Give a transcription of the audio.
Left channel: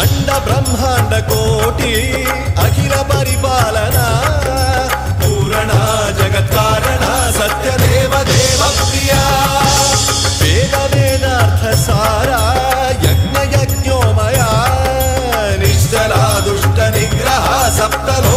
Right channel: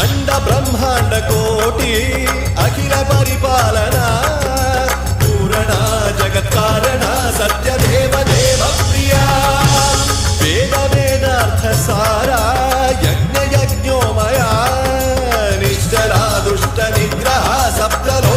अंड ब्रह्मांड कोटि अखिल परिपालना पूरणा जगत्कारणा सत्यदेव देव प्रिया वेद वेदार्थ सारा यज्ञ यज्ञोमया निश्चला दुष्ट निग्रह सप्तलो